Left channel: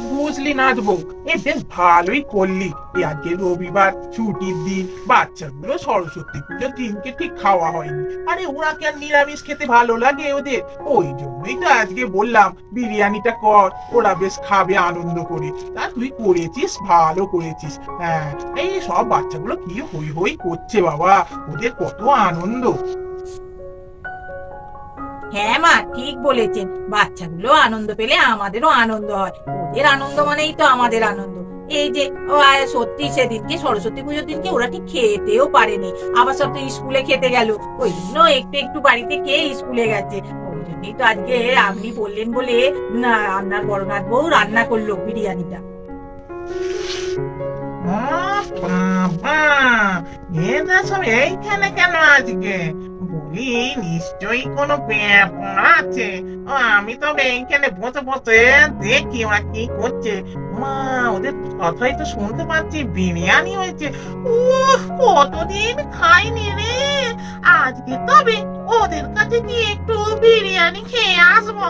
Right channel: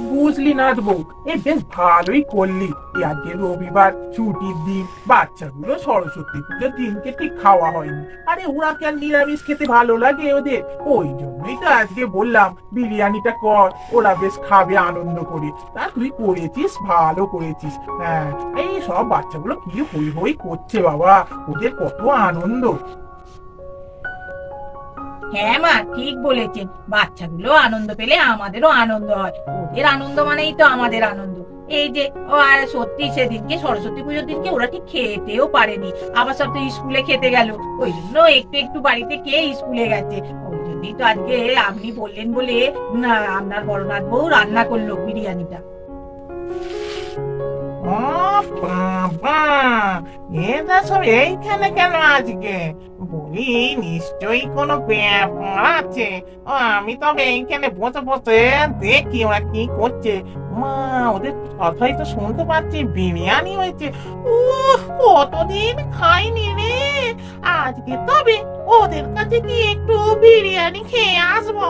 বুঝলি নাচবো, এ বেশ ভালোই করলি। এই আজকে রবিবার ছুটির দিন, বাচ্চাগুলো সরস্বতী পুজোর দিনকে ঠিক খাওয়া হয়নি। আরে ওরা কেন নিরামিষ খেতে ভালো লাগে ওদের, ওই জন্যই তো আজকে বললাম বিরিয়ানিটা কর, ওরা বেশ খাবে আনন্দ করে। তা তুই করেছিস, ভালো করেছিস। হ্যাঁ, এই সব বাচ্চাগুলো কি হই হই করছে বাবা, ওদের কত আনন্দ। হ্যাঁ মা, ঠিক বলেছেন। বাচ্চাগুলো আনন্দ পেলে আমাদেরও আনন্দ হয়। ওদের আনন্দ মানেই তো আমাদের আনন্দ। এই যে সত্যি সেদিনকে সরস্বতী পুজোর দিনকে ওরা ঠিক খেতেও পারেনি, আবার সব তো স্কুলে খেতে গেল। ওই জন্য একটু একটু বাড়িতে খেয়ে স্কুলে গেছে। ওই জন্যই তো আজকে আপনি বললেন বলে রান্নার বড়নাথ বউ রান্না করলো বিরিয়ানিটা। ও বাবা, এরা সব এইখানে কেন আজকে? বলি নিশ্চয়ই কোনো ব্যাপার আছে। ও, আমি তবে এইখানে বসে বসে দেখি ওরা কি করছে। মা, ওদের কথাই তো শুনতে পাচ্ছি বিরিয়ানি হয়েছে। উহ, কতদিন খাইনি রে। আজকে তবে ওদের কাছে গিয়ে একটু বিরিয়ানি খেয়ে আসবো।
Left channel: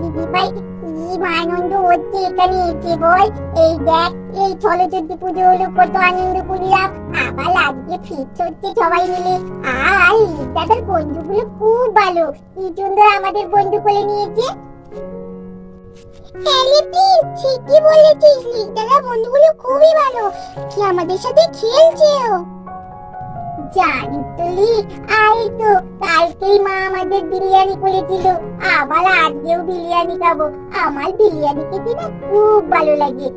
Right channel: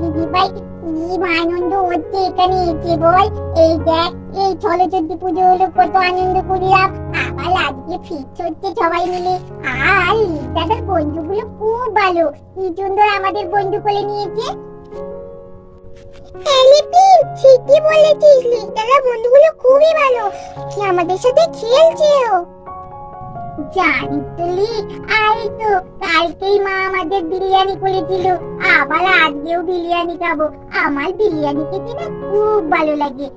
দিদি ভাই, কি আনন্দ হচ্ছে এখানে এসে বল। এই দেখ, এই সরস্বতী পুজো হলো, কত আনন্দ করলাম। আবার আজকে ফিস্ট হচ্ছে সবাই মিলে। আর লিদাদের বন্ধুগুলো খুব ভালো, কি সুন্দর আমাদের বন্ধু করে নিয়েছে। এলিপিন, ঠিকই বলেছিস, লিদাদের বন্ধুগুলো খুবই ভালো, কি আমাদের সাথে খেলছেও। জানি তো লি, আই তো কালকেই মা আমাদের বিরিয়ানি করেছিল, আবার আজকেও বিরিয়ানি খাবো। আমার বিরিয়ানি খেতে না খুব ভালো লাগে।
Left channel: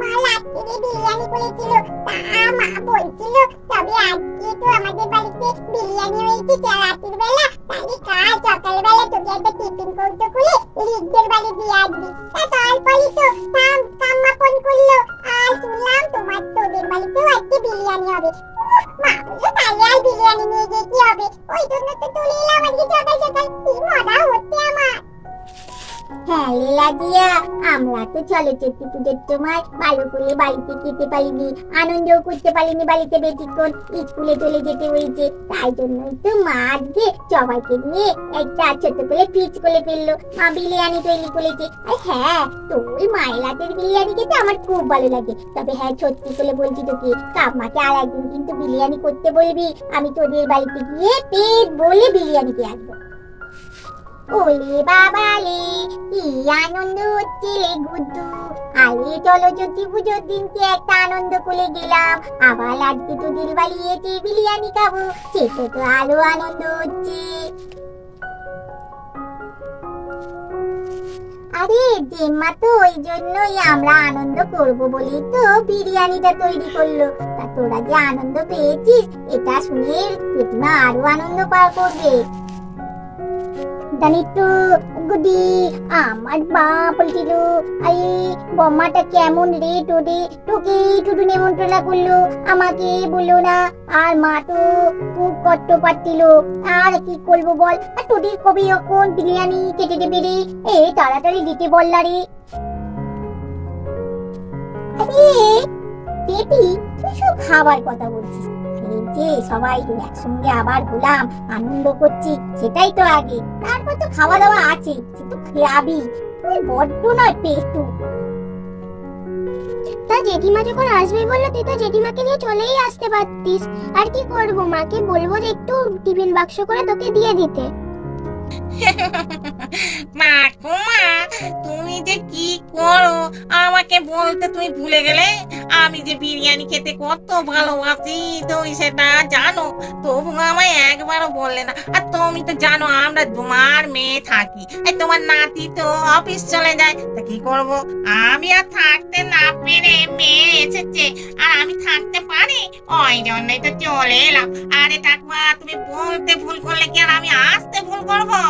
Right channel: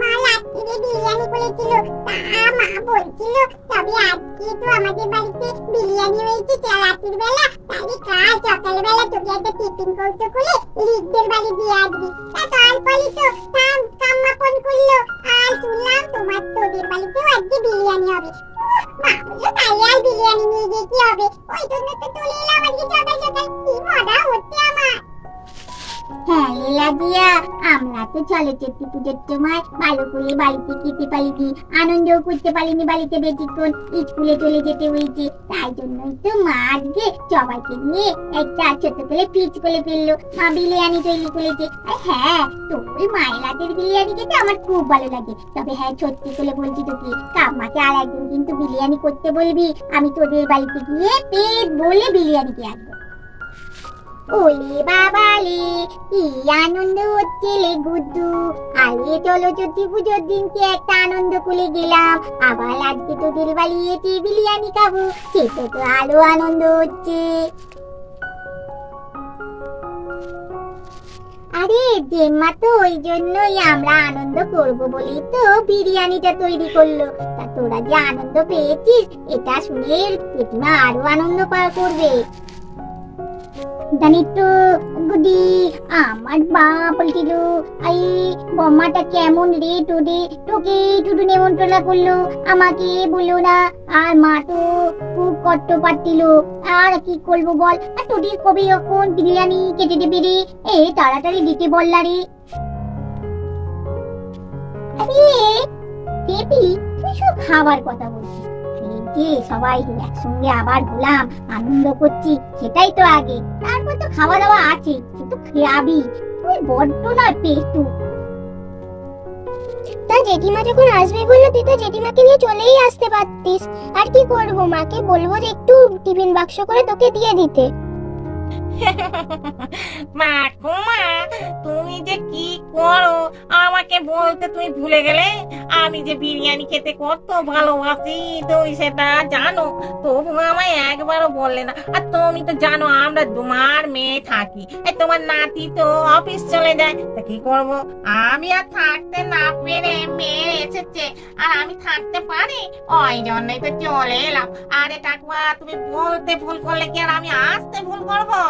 মা রাত্রে বিরিয়ানি করেছিল, তা মা বলছিল তবে আজকে তো আমাদের বাড়িতে বিরিয়ানি হয়েছে রাতের বেলা, তাহলে কাল সকালবেলা তোকে একটা টিফিন কৌটো খুলে লিগদের বাড়ি দিয়ে আসবি। তা তারপরে তো কাম্মা ফোন করলো, আর শুনলাম তোদের বাড়িতেও আজকে বিরিয়ানি হবে। মা বললো তাহলে আর বিরিয়ানি নিয়ে গিয়ে কি হবে, ওই জন্য তো চলে এলাম আজকে সকাল সকাল। কি মজা হচ্ছে আমার। হ্যাঁ লীলা দিয়া, আমরা তো সরস্বতী পুজোর সময় ভালো করে বাড়িতে খেতে পারিনি, আনন্দও করতে পারিনি বাড়িতে বেশিক্ষণ, স্কুলে চলে যেতে হয়েছে। তাই জন্যই তো মা আজকে সবাইকে নিয়ে একটা ছোট করে ফিস্ট করে ফেললো। মা বিরিয়ানি তৈরি করেছে। আর হ্যাঁ, তোর মায়ের হাতের বিরিয়ানি খেতে আমার খুব ভালো লাগে। তবে হ্যাঁ, সত্যি করে বলছি তোকে, কাম্মাকে আর একদিন কিন্তু বিরিয়ানি করতে বলবি, আমি তোদের বাড়িতে গিয়ে পেট বলে বিরিয়ানি খেয়ে আসবো। ওলে বাবালে, কি আনন্দ হচ্ছে লে গুড্ডু। আরে সরস্বতী পুজোর দিনকে একটা আনন্দ করে গেলাম, আবার আজকে তোদের বাড়ি এসে বিরিয়ানি খাবো, সেটা তো আরো আনন্দ হচ্ছে। আরে জেম্মা তো ওই জন্যই আমরা আনন্দ করবো বলেই তো বিরিয়ানিটা তৈরি করলো। তা তোরা যে আনন্দ পেয়েছিস এটা শুনে পেটনা আরো আনন্দ পাওয়া করবে। জানিস তো গুডি, আমার মা বলছিল আরে বম্মাটা কেমন রে তোরে, তোকে শুধু নেমন্ত্রণা করলো, আমাকে বললো না। আর মা তো খুব কষ্ট পাচ্ছিল, আর কি করবো বল। আর তোদের কবে এখন বিরিয়ানি কেটে দেবে রে, এ তাড়াতাড়ি দিতে বললা রে। আরে বেবি, তুই সব খাবার কথা বলছিস, যে সবাই একসঙ্গে আবার হলাম, আনন্দ করছি, সেটাই তো আগে, তারপর তো খাওয়া দাওয়া আছে, সে তো খাবি। তুই বড্ড নয় পেটু। তা জেঠিমা যখন আসবে বললো, তুই তো জেঠিমাকে নিয়ে চলেই আসতে পারতিস। আর কি করবো, মাকে বলবো যে একটু টিফিন বাক্স করে তোকে দিয়ে দিতে। মা গো মা, তুমি যে কি করো, আমাকে বলতে তুমি ভুলে গেলে। আমি যে বিরিয়ানি খেতে কত ভালোবাসি তুমি সেটা জানো, তবু আমায় একবারও বললে না। আর তুমি তো জানো আমরা তোমার মেয়ে থাকি, এই তোমার নাতি তো অফিস চলে যায়, তা কি করব, আমি আর থাকতে না পেরে মেয়ে এসেছে, আর আমি থাকতে পারি, ওই জন্যই তো চলে এলাম। আরে কাকুয়া, তুমি বলতে ভুল করলে কি আর আমি আসতে ভুল করবো?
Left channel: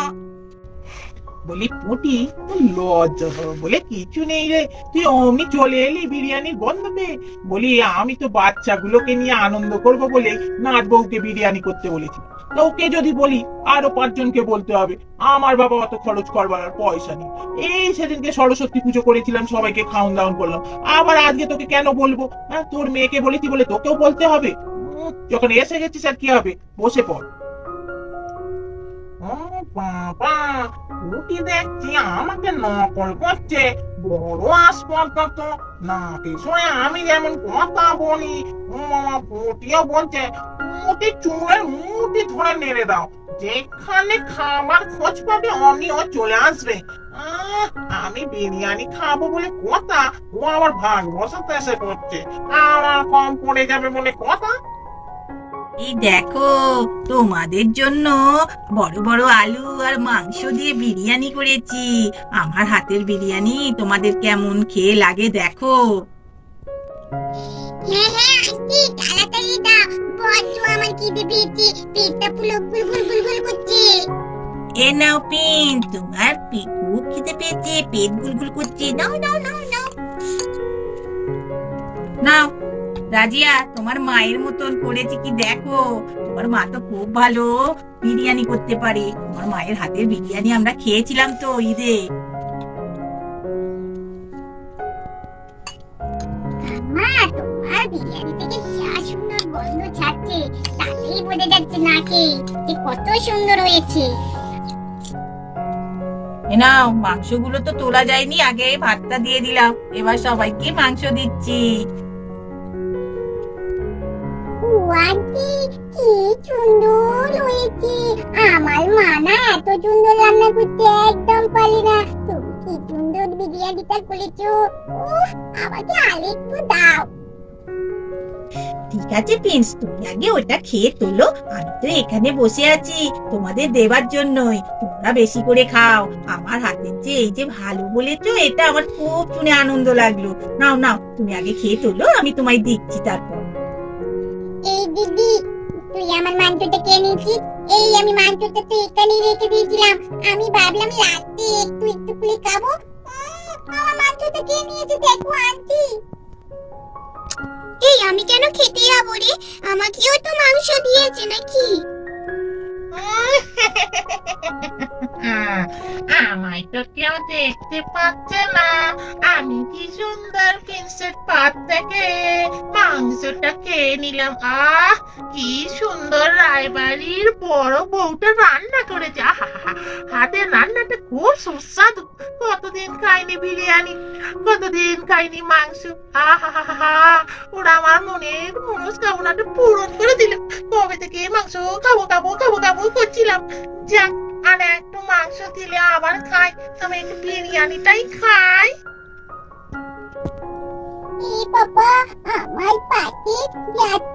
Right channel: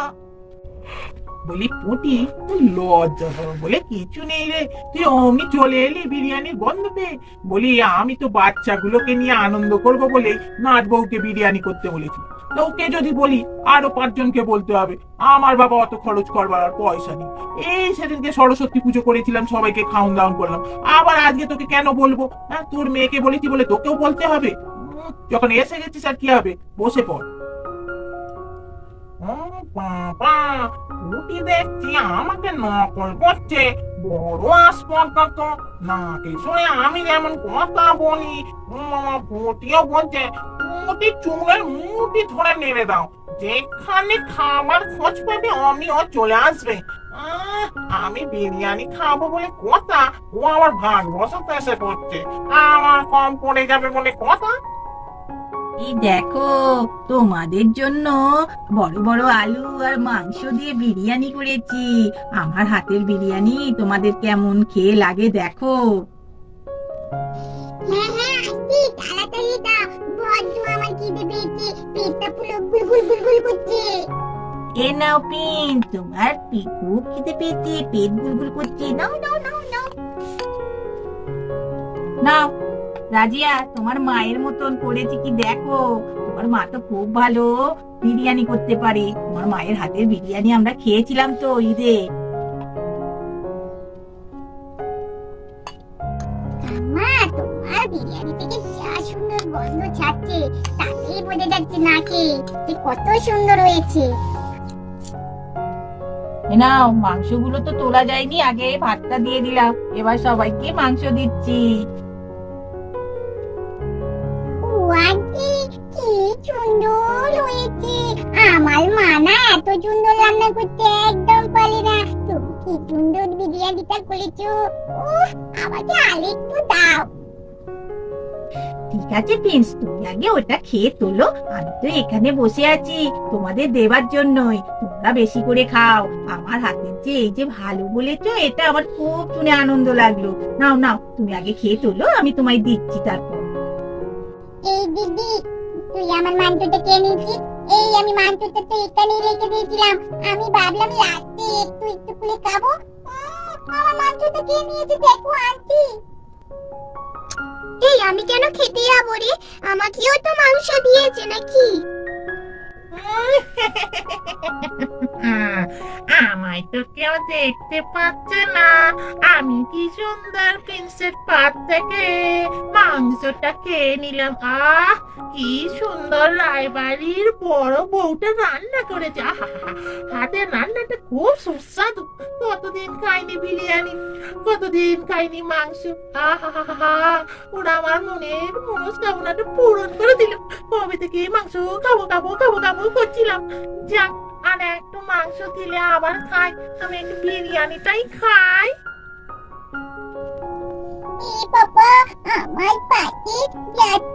বলি পুটি, তোর লজ্জা সরম বলে কিছু নেই রে, তুই অমনি চলে এলি বিরিয়ানির গন্ধ পেয়ে। বলি আমি তো বাচ্চাগুলোকে নিয়ে আনন্দ করবো বলে নাচ বউকে বিরিয়ানি করতে বলেছি। তো ওকে যদি বলি আরো 5 জনকে বলতে হবে, আমার বাবা অত খরচ করবার আর পয়সা নেই। এই সেদিনকে সরস্বতী পুজো করেছিলাম, সবাইকে খাওয়ান দাওয়ান করলাম, আবার আজকে তোকে কেন বলবো? হ্যাঁ, তোর মেয়েকে বলেছি বলে তোকেও বলতে হবে? যখন এসে গেছিস আর কি হবে, বসে পড়। ও বাবা, পুটি দেখছি আমাকে নকল করছে। বড় আসপর্দা তো, না শুনে আমি যেমন কথা বলি ও মামা পুটিও বলছে পুটি চুলের মুঠি ধরে নেড়ে দাও, যেখানে খাবার খোঁজ পাবে অমনিও চলে আসবে। আমি বিরিয়ানি খাবো বলে কথা, ও আবার ভাগ বসাতে এসে পড়ছে, আমার কম পড়ে যাবে বলে কথা। এই দেখো, তোমাদের জন্য বড় বড় আলু আর মাংস দিয়ে বিরিয়ানি করেছি। আমার হাতের বিরিয়ানি তোমাদের কেমন খেয়ে লাগে দেখো। হ্যাঁ হ্যাঁ আসছি, তাড়াতাড়ি দাও, বড্ড আমার খিদে পেয়েছে, পেটটা পুরো গুলগুল গুলগুল করছে। এ নাও পিন, তোমার খুব খেতে পেয়েছে, পেট গুলগুল করছে। নাও নাও নাও নাও নাও। রাজিয়া, তোমার মায়ের মতন করেছি কি দেখো। তোমার মা তো খুব ভালো বিরিয়ানি করতে পারে। তোমার মায়ের হাতের বিরিয়ানি আমরা খেয়েছিলাম তো ঈদে। মা, তোমার বিরিয়ানি থেকে যা সুন্দর গন্ধ ছাড়ছে, তাতেই বোঝা যাচ্ছে নাকি যে কত সুন্দর হয়েছে। এ নাও, মাংসগুলো তো তোলা যায়নি, আগে ভাতটা দিয়ে দিলাম, এবার সবাইকে মাংস দিচ্ছি। আন্টি, কি সুন্দর হয়েছে। আমার মা না এত সুন্দর রান্না করতে একদম পারে না। তুমি কি সুন্দর বিরিয়ানিটা করেছো। উফ, আমাকে আরেকটু দাও। ঠিক আছে প্রিন্স, তুমি আগে ওটা খেয়ে তোলো, আমি তো এখানে বসে আছি তোমাদের দেবার জন্যই। তোমরা বেশি করে খাও, আমার হাতের যে এই যে ভালো বলেছো, এটা আমার খুব শুনে আনন্দ লাগলো। নাও নাও, তুমি আগে খেয়ে তোলো, আমি তোমায় দিচ্ছি তারপর। এই দিদি, তুই আমার মাংসটা কে নিয়েছিস? এই আমি মাংসটা তো এখানে রেখে দিয়েছিলাম, আমি ভাবলাম রাতে একটু একটু করে খাবো। আমার মাংসটা কে নিয়েছে দেখো আন্টি। এই আমি কেন খেতে যাবো রে? আমাকেও তো মাংস দিয়েছে নাকি? আমায় তো কেউ দেখতে পাচ্ছে না, আমি কি সুন্দর প্রিন্সের পাত থেকে মাংসটা খেয়ে নিলাম। কি সুন্দর রায়বাড়ির বড় বউটা রান্না করেছে। হাতের রান্নাটা খুব সুস্বাদু। কতদিন খাইনি বিরিয়ানি, কতদিন খাইনি মাংস। ওরা আমার মনের মনস্কামনাটা পূরণ করে দিল। কবে থেকে মাংস খাবো খাবো খাবো খাবো করছিলাম। যাক, আর একটু মাংস দিলে আবার খাই, আমি একটু বিরিয়ানিটাই খাই। বাবা, আমার পাতে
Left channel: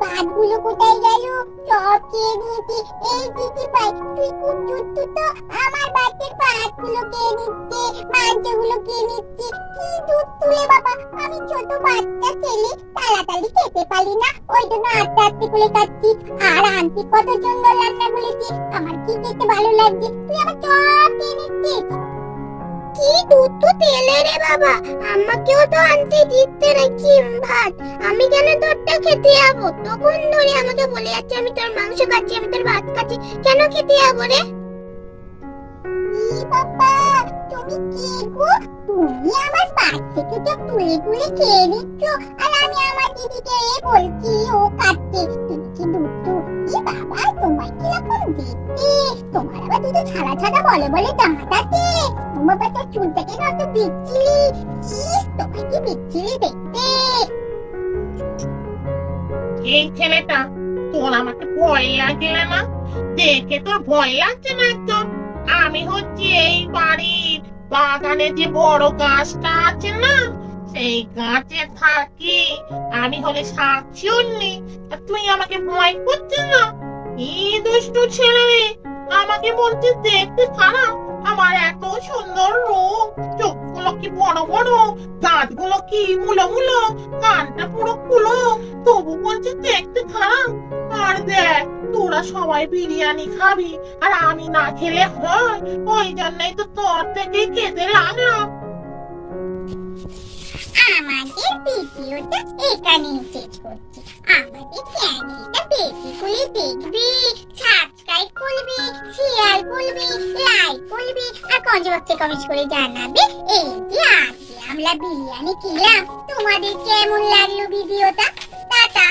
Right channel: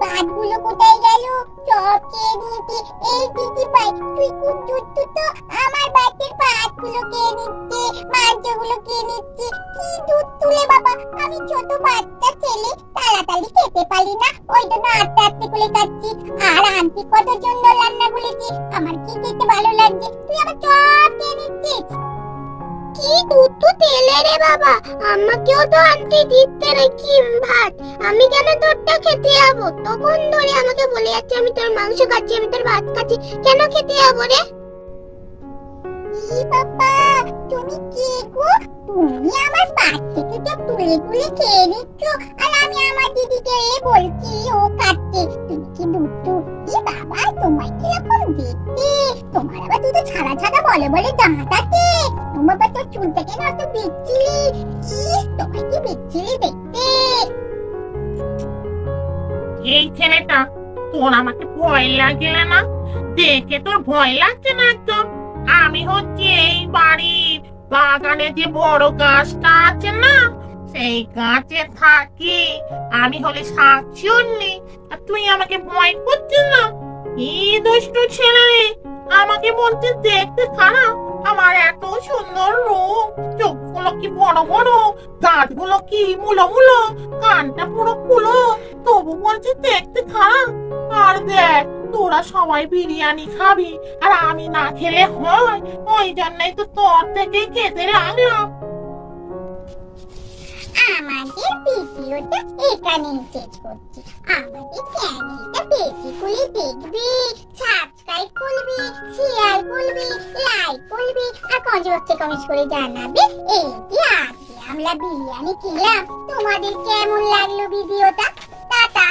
পাতগুলো কোথায় গেল? সব খেয়ে নিয়েছি। এই দিদি ভাই, তুই খুব দুষ্টু তো, আমার পাতের পাতগুলো খেয়ে নিচ্ছে, মাংসগুলো খেয়ে নিচ্ছে। কি দুধ তুলে বাবা, আমি ছোট বাচ্চা ছেলে, তাড়াতাড়ি খেতে পারি না, ওই জন্য আস্তে আস্তে করে খাচ্ছি। আর আন্টি কত সুন্দর রান্না করেছি, আমার কি খেতে ভালো লাগছে, তুই আবার সব খেয়ে নিচ্ছিস। কি দুধ তো তেলে রে বাবা, আমাকেও তো আনতে দিতে নাকি ভাত, আমি কেন তোরটা খেতে যাবো? তখন ধরে আমাকে বলে যাচ্ছে আমি তোর মাংস খাচ্ছি, আমি তোর ভাত খাচ্ছি, কেন খেতে যাবো রে? বাবা, তুমি কি গো, তুমি আমার পাত থেকে তো তুলে তুলে খেয়ে নিচ্ছ, আর আমি আমার দিদিকে বলছি ও খাচ্ছে। তুমি কি দুধ বাবা, তোমার কিরকম দেখতে, তোমার আবার দুধ ছাড়া ছাড়া বলে বলে দাঁত আছে। বাবা, তোর চুলটা কেন এত বিচ্ছিরি, তোমার কি বিচ্ছিরি দেখতে। এই ছেলেটা, তোর আমাকে ভয় লাগলে না? দেখে তোর ভয় লাগছে না একদম? আমি হচ্ছি এই বাড়ির বাগানে যে বড় গাছটা আছে না, সেই গাছে থাকি। আমি হলে শাকচুন্নি, আর তুই আমাকে ভয় করছিস না? এই দুষ্টু ছেলে রে, আমাকে বলছিস দেখতে খারাপ। আমার এত সুন্দর রূপ, চোখগুলো কি বড় বড়, দাঁতগুলো কি মুলো মুলো, কানটা পুরো কুলো, তবু বলছিস দেখতে খারাপ। আর দেখ, তোরা সবাই বিরিয়ানি খাবি, আর আমি না খেলে হয়? ওই জন্যই তো তোর থেকেই খেতে লাগলাম। আমাদের ভিডিওটা এখানেই শেষ করছি। আমাদের চ্যানেলটা বেশি করে দেখবি, সাবস্ক্রাইব করবি, শেয়ার করবি, লাইক করবি, আর কমেন্ট করে জানাবে এই যে আজকে আমরা বিরিয়ানি খেলাম, তোমাদের কেমন লাগলো ভিডিওটা। টাটা।